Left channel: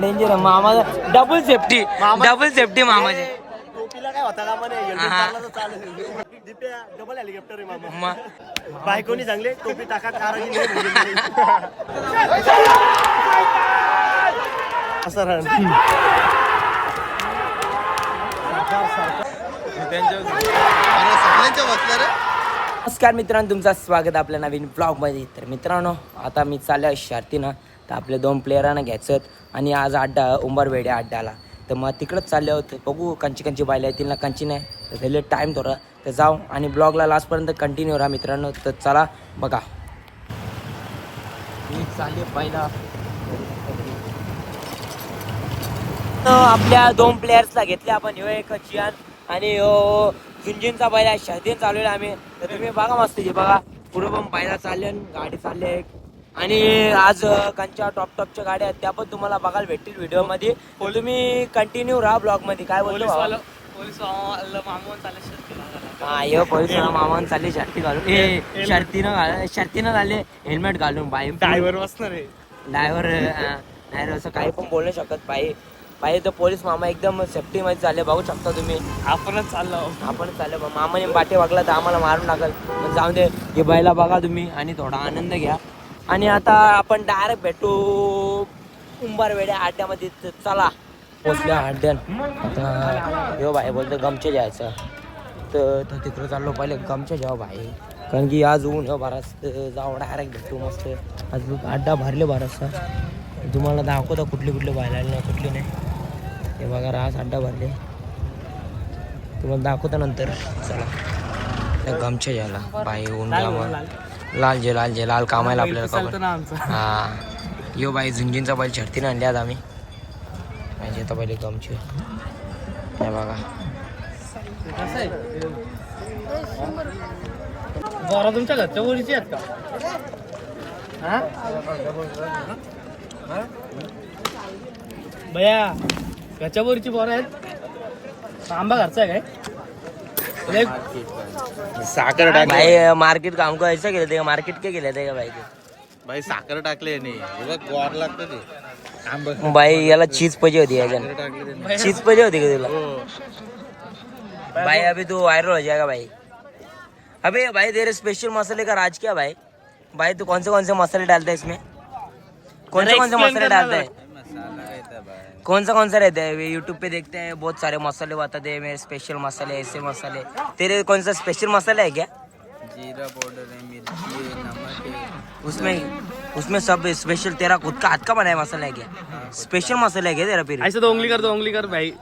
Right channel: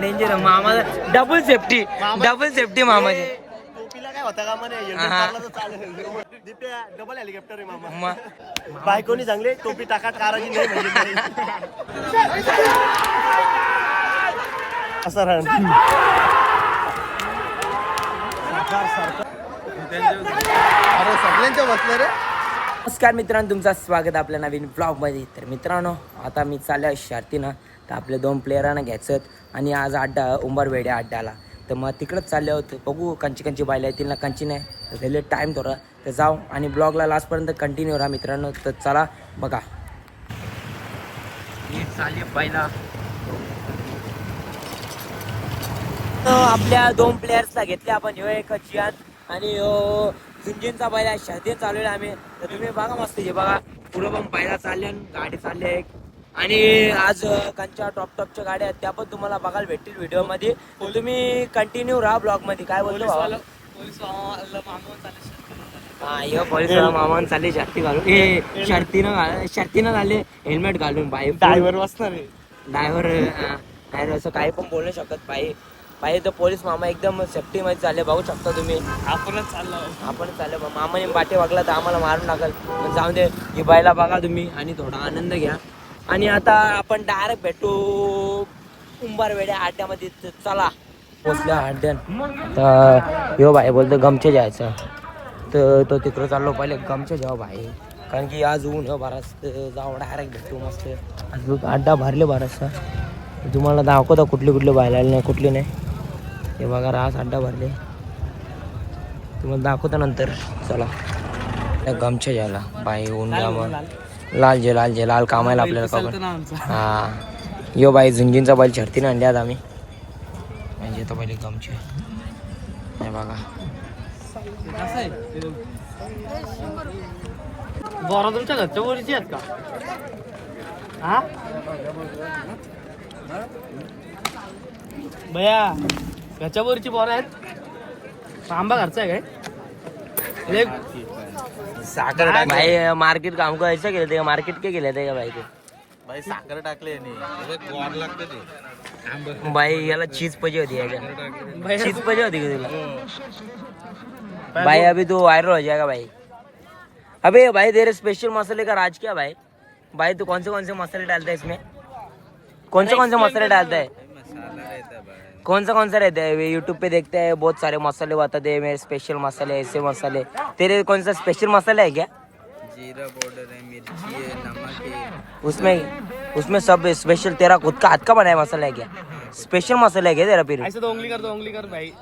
Danger मामा double safety double safety मामाची. टोपीला काय होता डबल हेलिकॉप्टर आहे मामा. बायकोनी चांगले टोपी टाकात कारागी नाही नमस्कार मित्रांनो तुमचं स्वागत आपल्या नवीन ब्लॉगमध्ये तर मित्रांनो आता मी चाललो शर्तीनं. तर आपले दोन प्लेयरांना घ्यायचं आणि आज अड्डा उंबरवेडे अड्ड्याला तर मग तिकडंच चालले होते. बघू कंची कंची बायला येतील ना कंची नाही. तर त्याला टाईम थोडा. तर जाऊ आणि ब्लॉगला लास्टपर्यंत कंटिन्यू राहा मित्रांनो. तर चला बघा. चालली पहिला. तर आपल्या दोन प्लेयर्सला घेतले आपण ह्यो एक चियान आणि झुंजींचा पहिला शर्दी चालवले आम्ही. तर तुम्ही बघा मस्त बघा. पुढे पण पहिला चालले गाडी चालली आहे एक. आणि आज कांच्या टॉप टॉपच्या गाड्या आहेत त्या पण तुम्हाला बघायला भेटतील व्हिडिओमध्ये तर तुम्ही कंटिन्यू राहा ब्लॉगमध्ये काय बोलतो? हा यो पोलीस मामान चालले शर्ती घालून. ए शर्तीनं शर्तीनं झाले हेल्मेट घालून बाई. ड्रायव्हर बसणार आहे. ड्रायव्हर नाही असं काही पण बोलू शकत बाई. बाई तर पोलीस मामा एकदम सेफ्टी मध्ये चालले. बघू शकता तुम्ही. आपणच चाललो आपण चालले. मामाने बाटे वागला तर आम्हाला मारून टाकल. पण जाऊ दे हे बाईला बघा तुम्ही आणि थोडा आनंद घ्या. आणि आता आपण डायरेक्ट भेटू. उंबारवेड्या अड्ड्यामध्ये चला. पोचल्या अड्ड्यान आता यो बाई बोलतो गमचे जायचं. तर तो तिकडं चाललो पहिले गमचे जाऊ बाई कारण की आज ऊन तर जाऊ डायरेक्ट भेटू मस्त. आज अड्डा भरले बराचसा तुम्हाला दाखवता कुठली कुठली बायला नाही कुठली नाही. हे बघा रास अड्डा भरले. तुम्हाला दाखवतो नंतर. चला. त्या गमच्या ज्याला बाई ऊन जाम लाल. जे लाल जे लाल कामायला आपल्याला कवर. हा. यो बाई झुंजींचा बैल छडतीने आणले आज आम्ही. म्हणजे तर पहिले गमचे हे बघा. बरं तुमच्या घरच्या बोलीची आहेत का? हा? बया घरच्या बोरीची बोर आहेत. आंबा घरचा आहे काय? साखर भाई मार्केट काम को ऐसा केले थे मार्केट के केले थे का भाई ते? भाई साखर टाकले नाही लागतं ते. भाई याला चीज पाहिजे होती टाकले चीज पाहिजे होती का तुला? भाई अभी तो वायरल हो जाएगा भाई. अबे भाई तेरे स्पेशल मसाले का राज क्या भाई? भाई तू कौन से कौन से मसाले डालता है इसमें? कौन से कौन से मसाले डालता है? मसाला रहता है भाई. कौन सा कौन सा रहता है? यूट्यूब पे देखते हैं बहुत सारे मसाले बताते हैं मेरे स्पेशल मसाले ऐसे मसाले। तेरे कौन सा स्पेशल मसाला है क्या? जीरा पाउडर है मिर्ची है नमक है। उसमें उसमें सब स्पेशल तेरा खुद का हाथ का बनाया मसाला है क्या? स्पेशल मसाला है क्या तेरा फिर? ऐसे तो उंगली कर दो उंगली कर भाई।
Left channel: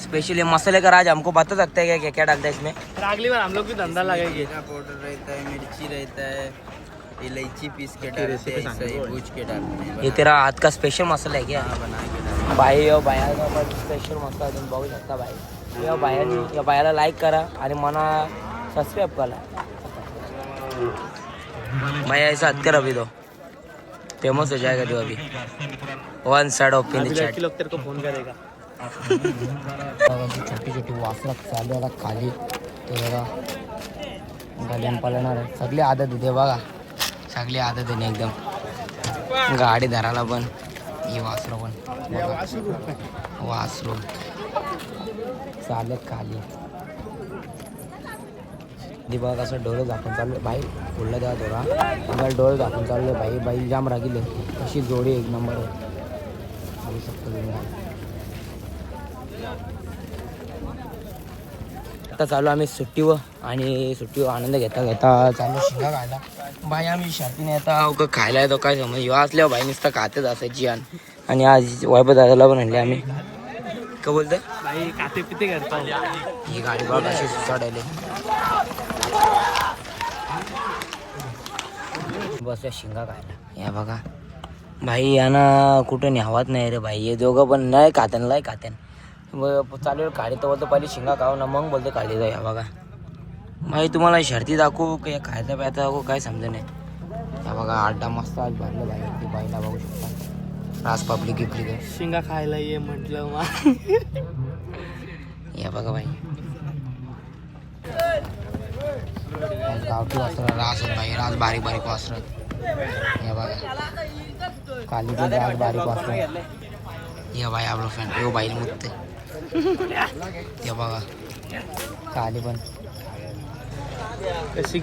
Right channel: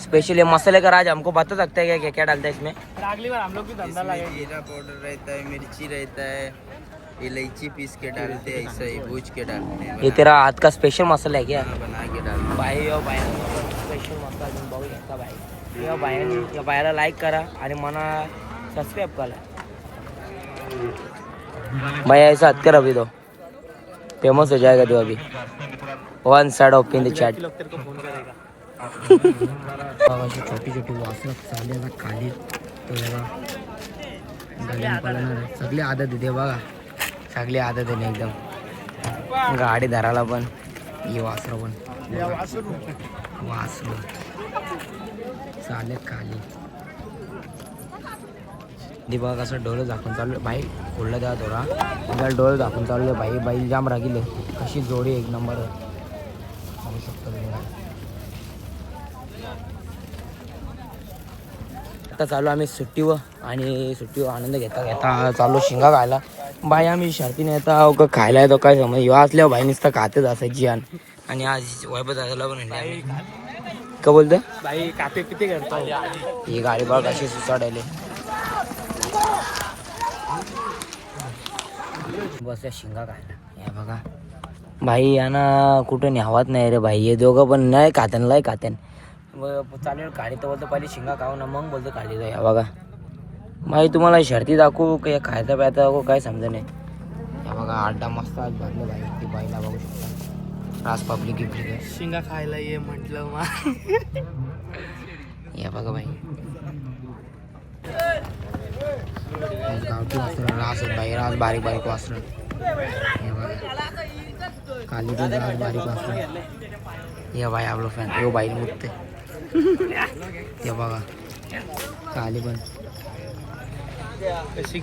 स्पेशल ये मसाले का राज हमको बता सकते हैं क्या क्या क्या डालता है इसमें? अगली बार हम लोग भी धंधा इसमें जीरा पाउडर रहता है मिर्ची रहता है। इलायची पीस के डालते हैं ऐसा ही भूज के डालते हैं ये तेरा हाथ का स्पेशल मसाला है क्या? बना- बना के डालते भाई यो बायाचा पण स्पेशल मसाला तुम्ही बघू शकता भाई। या बायानी या बायाला लाईक करा आणि मना सबस्क्राईब करा। भाई ऐसा हत कर अभी तो। फ़ेमस हो जाएगा जो अभी। One side of in the chat लोग तेरे को फ़ोन करेगा। छोटी छोटी वासला चालली आता खाली तो बघा गाड्यान पळणार सगळी आदत येते बघा चांगली आदत आहे ना एकदम. गाडी धरायला पण ही वासरू पण. बघा. वासरू. चालत खाली. ती बघा कसं डोळे दाखवून चालू बाई बोललं द्या थोडा. त्याला डोळे दाखवून चालू बाई बाई जाम रागिले. कशी जोडी एक नंबर. आहे बघू शकतो आता चालू आम्ही सुट्टीवर आणि सुट्टीवर आनंद घेता घेता चालू शिंगा खायला. बाई आम्ही शर्तीने येता अहो का खायला येतो काय समज? ह्यो असल्यावर बाई नुसतं खातेच असं जियान आणि आज वैभव दादाला पण आणले आम्ही. का बोलतो? भाई काते पिते करता. ही गाडी बघ अशी सुसाडायले बस या शिंगा खायला. हे बघा. भाई यांना कुठं न्यावात नाही रे भाई हे दोघं पण नाही खातन लय खातन. मग चालेल काढी तर बोलतो पहिले शिंगा खाऊ ना मग बोलतो काढी जाऊ. या बघा. भाई तुम्हाला शर्ती दाखवू का खायचा प्यायचा दाखवू? काय समजा नाही. या बघा अड्डा मस्त आज भरले भाई. ती बाईला बघू शकता. राज पब्लिक गिफ्लिक आहे. शिंगा खायला ये म्हटलं मा. या बघा बाई गावठी वासर रास आहेत बाई रास बारीक बारीक वासर या बघा. काली पण रास बारीक वासर या बाई आपलं फॅन यो बाई मुत्ते. ते बघा. काली पण.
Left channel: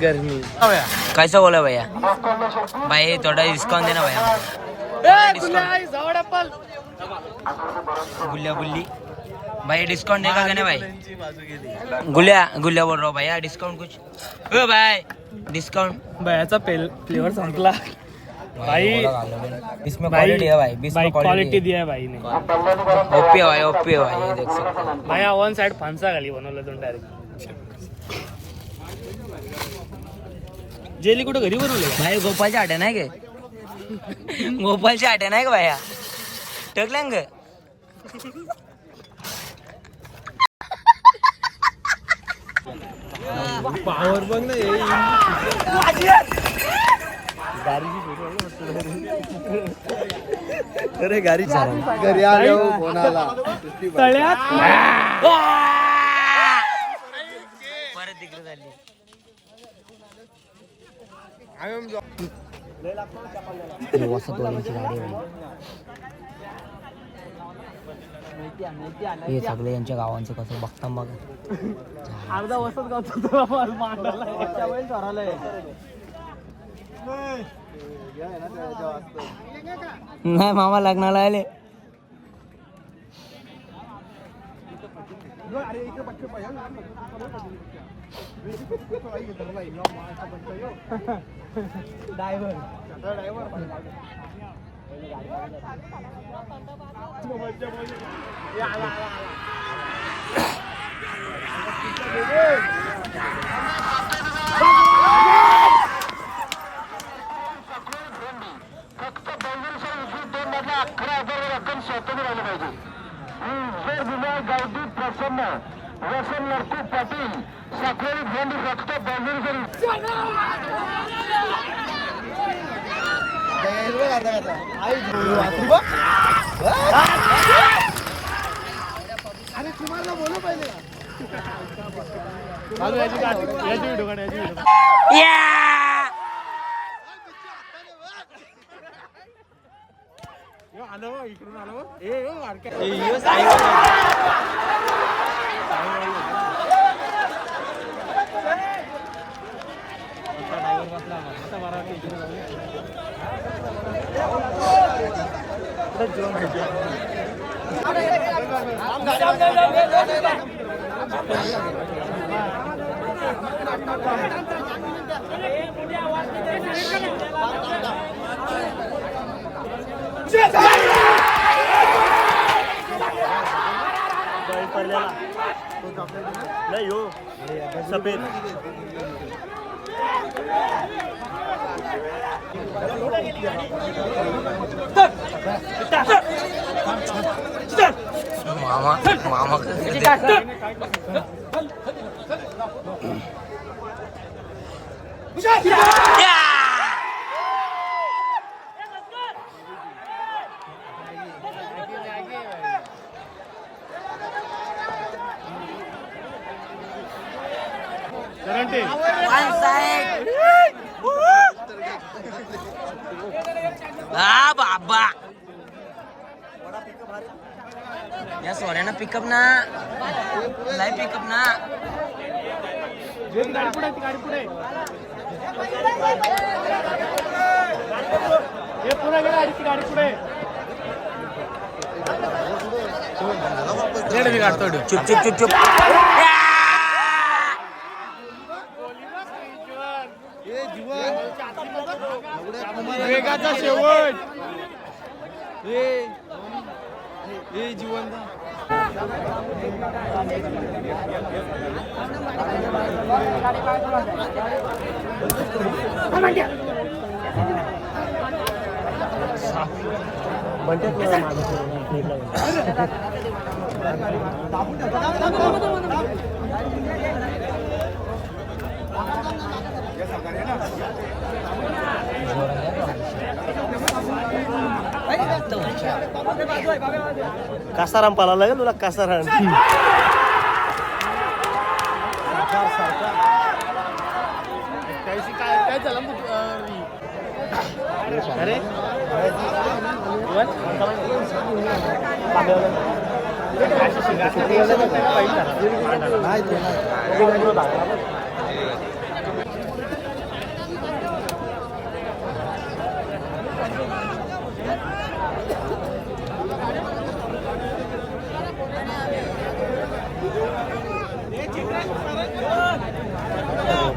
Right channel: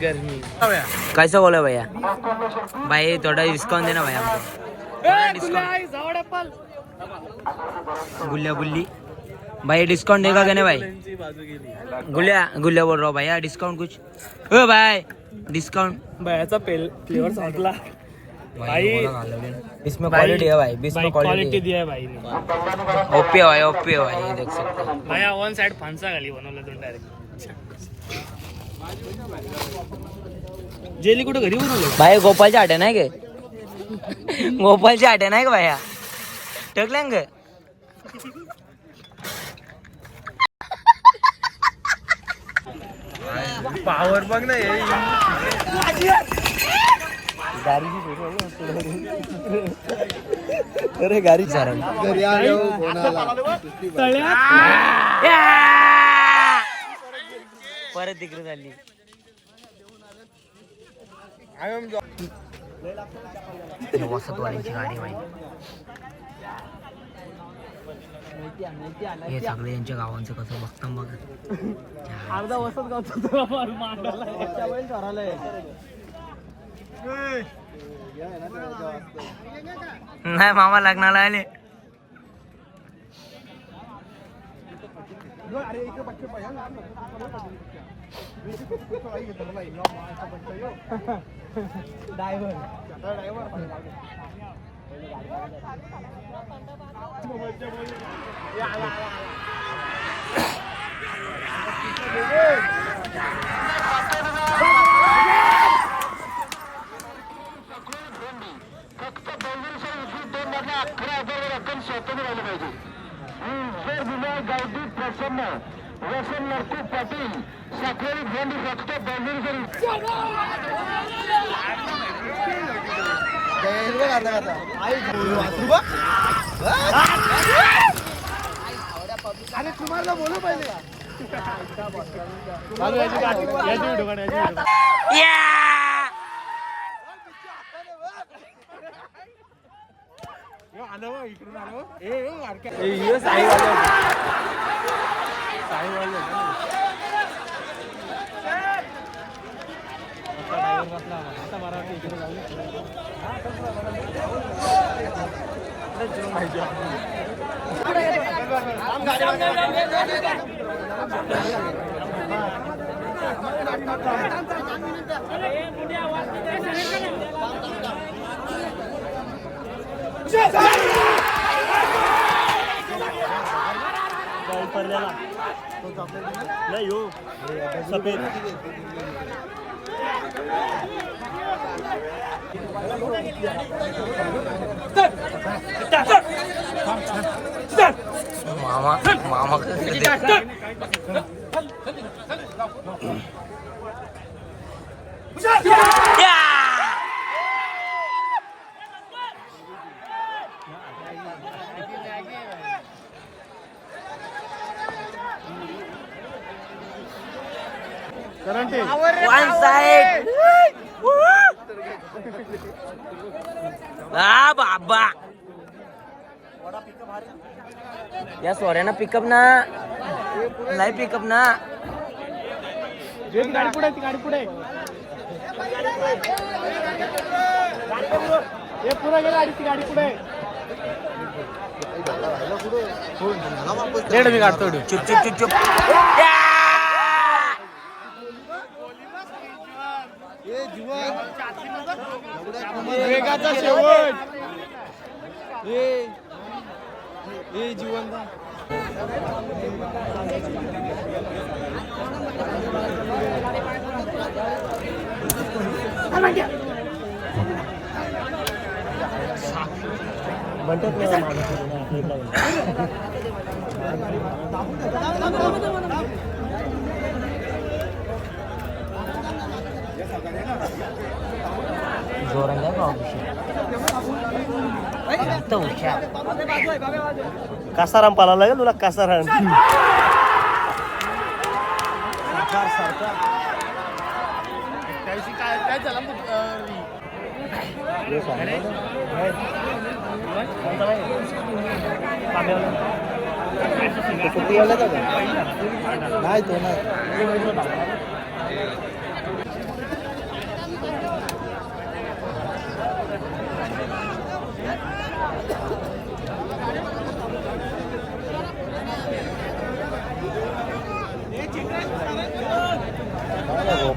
गरमी कैसा बोला भैया? भाई थोड़ा डिस्काउंट देना भाई हमको। डिस्काउंट गुल्ल्या गुल्ली। भाई डिस्काउंट देगा क्या नहीं भाई? गुल्ल्या गुल्ल्या बोल रहा हूँ भैया डिस्काउंट कुछ। ओ भाई डिस्काउंट पेल फ्लेवर सांगला इसमें क्वालिटी है भाई बीस में क्वालिटी दिया है भाई ने। ओपी है भाई ओपी है भाई ये देख सकते हो। माया वन साइड फांसा खाली बनवलं दोन डायरेक्ट जेली कुठं घरी बनवलं? भाई गोपालच्या आट्या नाही गे गोपालच्या आट्या नाही का भाया? टकल्यान ग पावर बघ ना अरे गाडी घरी आलो कोणाला? परत तिकडे झाली हे सगळे यांच्या गावांचं कसं बघता बघ. अर्धा वसत गावचा नाही मामा लग्नाला आले. अरे इकडे बच्चे पाहिजे ड्रायव्हर ड्रायव्हर फक्त हजार रक्कम स्वतंत्र राहिलं पाहिजे गावठी प्रसन्न. वसन लडकू पाटील साखळी बंद फक्त बाजूर करू. इकडून आलो ए वारक्या Jaya! नाही हो सफेद. मामा मामा कसं ते- या! Karante One side. हा बाबा. या सोऱ्यानं पिकअप ना. लाय पिकअप ना. गाडी पुढे ती गाडी पुढे. हे पुढे गे गाडी ती गाडी पुढे. चुप चुप चुप चुप. या! वेगाचा शेवट हे हे जिवंत जोरात आहे एकदम कासाराम पाला लागेल तुला कासाराम काय काय झालं अरे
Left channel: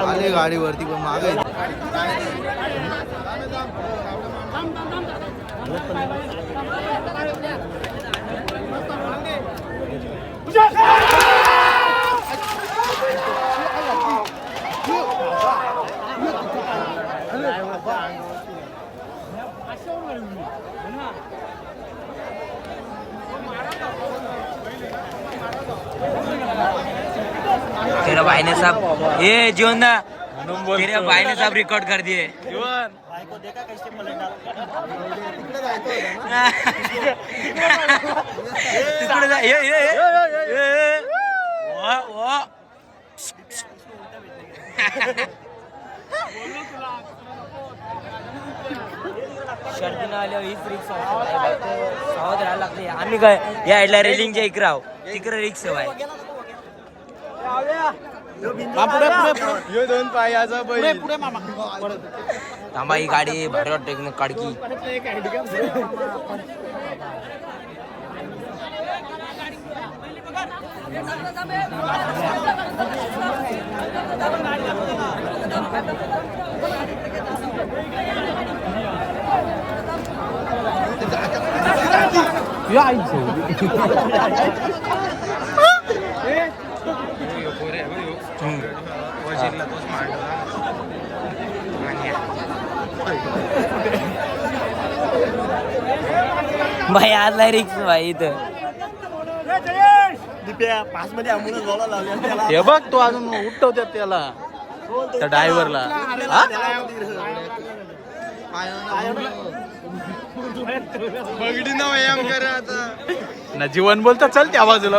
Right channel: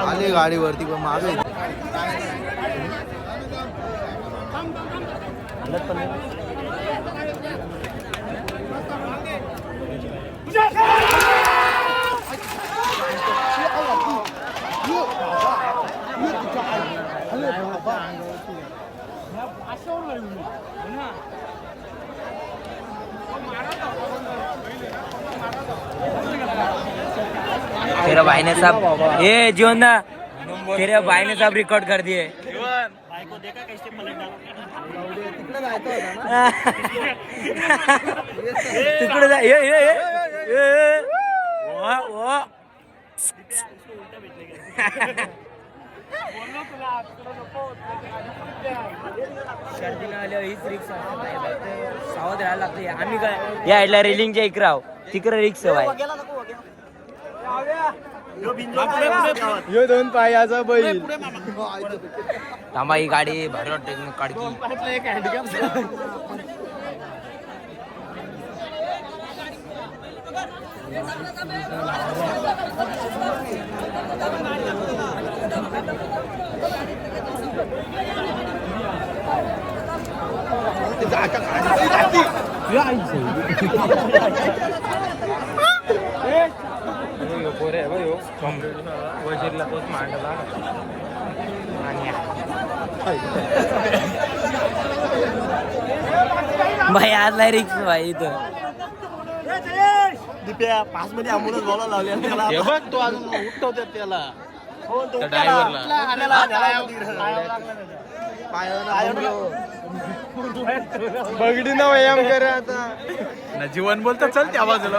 आले गाडीवरती पण मागे तेरा भाई ने साहब ये जीवन दा तेरे भाई ने साहब रिकॉर्ड कर दिए बायको देखा कैसे पलट तिकडे जा ये ये ये ये वा वा. सर्दीनं आल्यावर हीच रिक्स सावध राहायला लागते. आम्ही काय या साईडला रेलिंगच्या इकडे आहो तिकडे रिक्स आहे. थांबा ही गाडी भारी वाटते एकदम काडकी. वजीरला तोच मांडला भाई आज रिक्स भाई इथं. दिप्या पाच मध्ये बोला लावलेला हे बघ तो अजून उठवतात त्याला. त्या ड्रायव्हरला जीवन बोलता चल त्या बाजूला.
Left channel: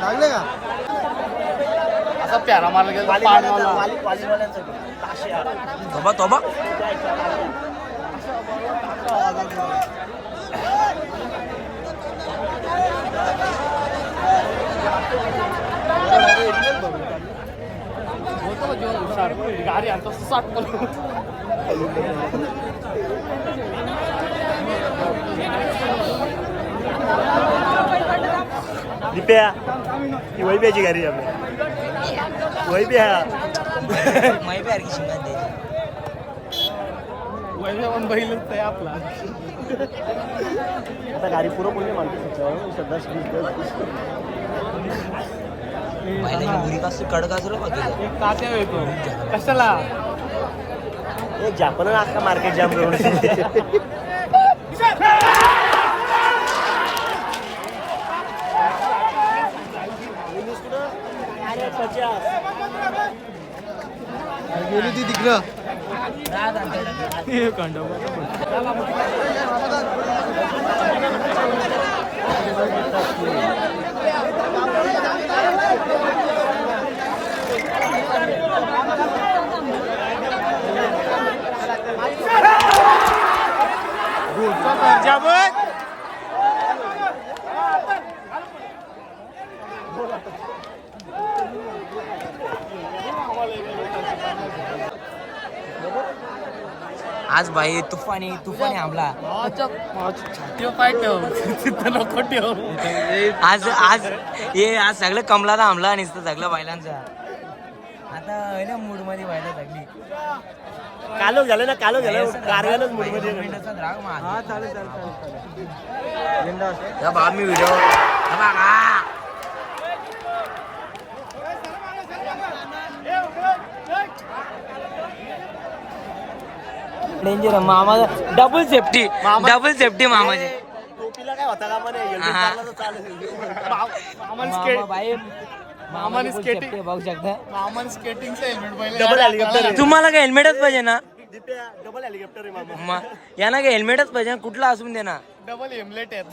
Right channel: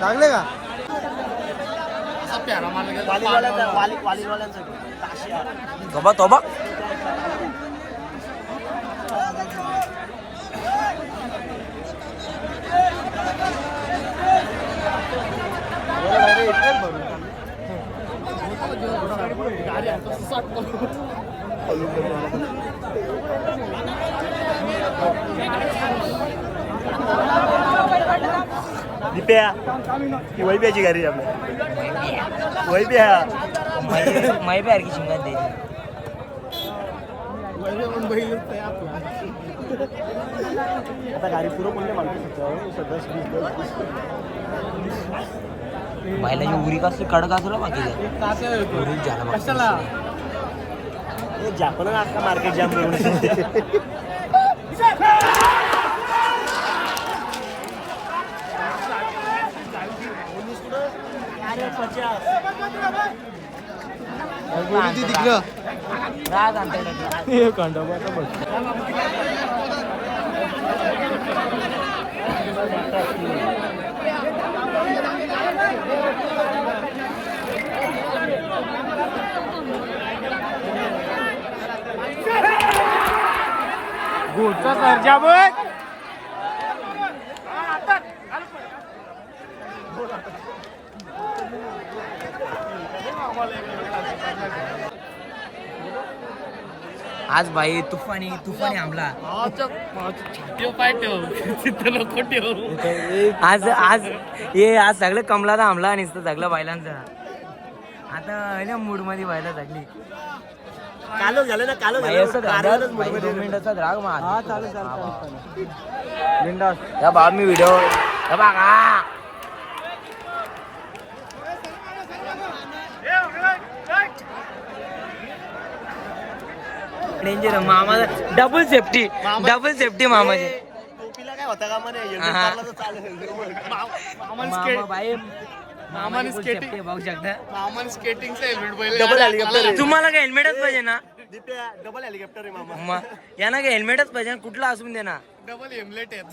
लागले. का? असा प्यारा मारला तोबा तोबा गाडी आणतो सात दिप्या ही वैब्याची गाडी आपल्या वैब्या माहिती सारखी शिंगात दे. वैब्या पण बैलच आहे आपला. आता गाडी पुरं बोलले माणसं सध्या महिलांची बुरी कसं कडक असलं बाकी. कशाला? जापन अख्खा मार्केट जाम करून. गेली ती तिकडं Good. Good. आज भाई तुफानी तुफानी हमला. ठेव पाय ठेव तिथं नको ठेव आज आज हे आज सगळं कमलाला हमला आणि सगळं बैलांचा आता मूडमध्ये व्हायला लागली कालो झालं ना कालो कारवानच मिनिटाचा राग मार या बाबा मी व्हिडिओ बघा डेंजर मामा डबल सेफ्टी डबल सेफ्टी मामाची. टोपीला काय होता का म्हणे? helmet हा. मारला मामान मामा स्केट बाई मामाने full skating- safety बघू शकता. मामान स्केटिंगचं हेल्मेट पहिले. तुम्हाला काय हेल्मेटच पाहिजे ना? डबल हेलिकॉप्टर आहे मामा. यांना काय हेल्मेटच पाहिजे ना? कुठला असून दे ना. डबल हेमलेट आहेत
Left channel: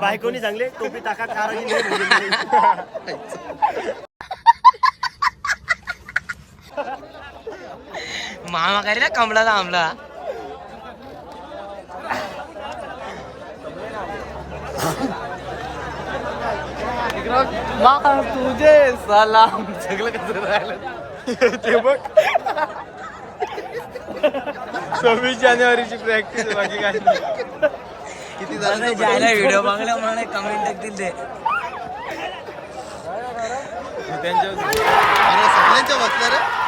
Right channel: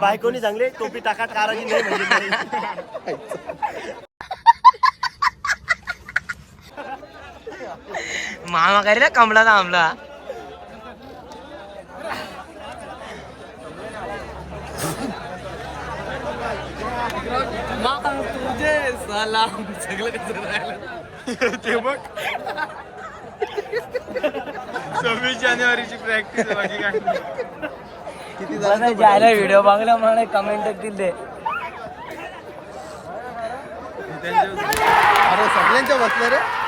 बायकोनी चांगले टोपी टाका कारागी मामा काय रे कमला थांबला तुझे सलाम सगळं कसं ते बघ सव्वीस जानेवारीची प्रॅक्टिस माझी काय जायला व्हिडिओ बघला मला कमेंट टाकतील ते सगळ्यांच्या बसले रे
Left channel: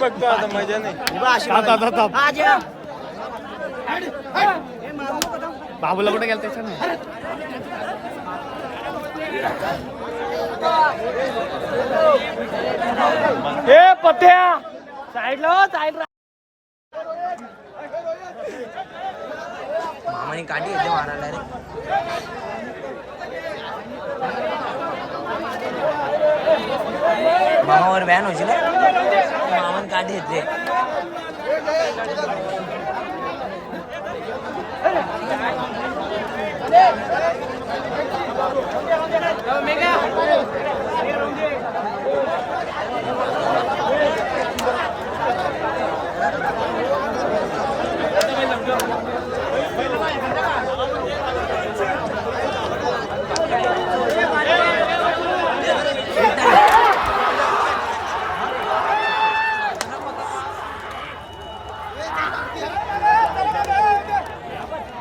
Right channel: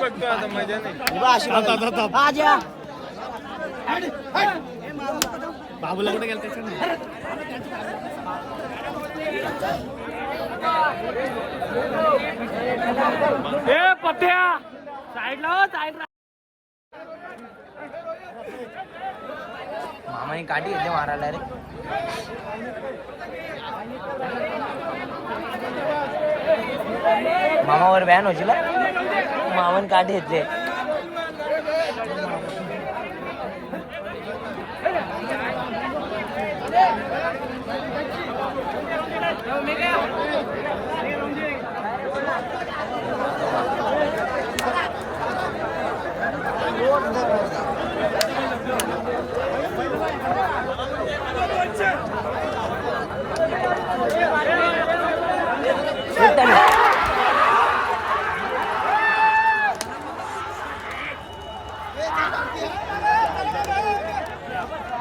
बघतो आता मजा बाबूला कुठे गेलं त्याच्या हे पत्या साईडला साईडला मामाने काठी घेतली मारायला रे. मामावर बॅन होशील हं? मामाने काठी घेतली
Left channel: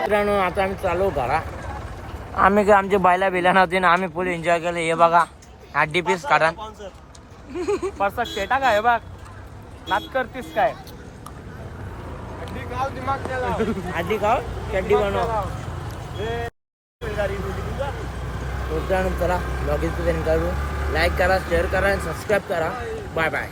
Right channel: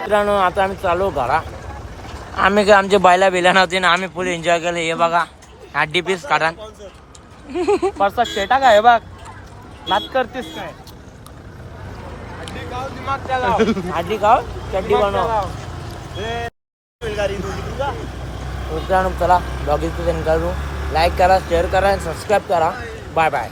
मित्रांनो आता आम्ही चालू घरा आम्ही काय आमच्या बायला बिला नव्हते ना आम्ही फुल एन्जॉय केलं हे बघा हड्डी पीस काढा परसा शेटा काय बघ नाच करतीस काय आधी खाव चड्डी बनव मित्रांनो चला ब्लॉग इथे करू. लाईक करा शेअर करा आणि सबस्क्राईब करा. Bye bye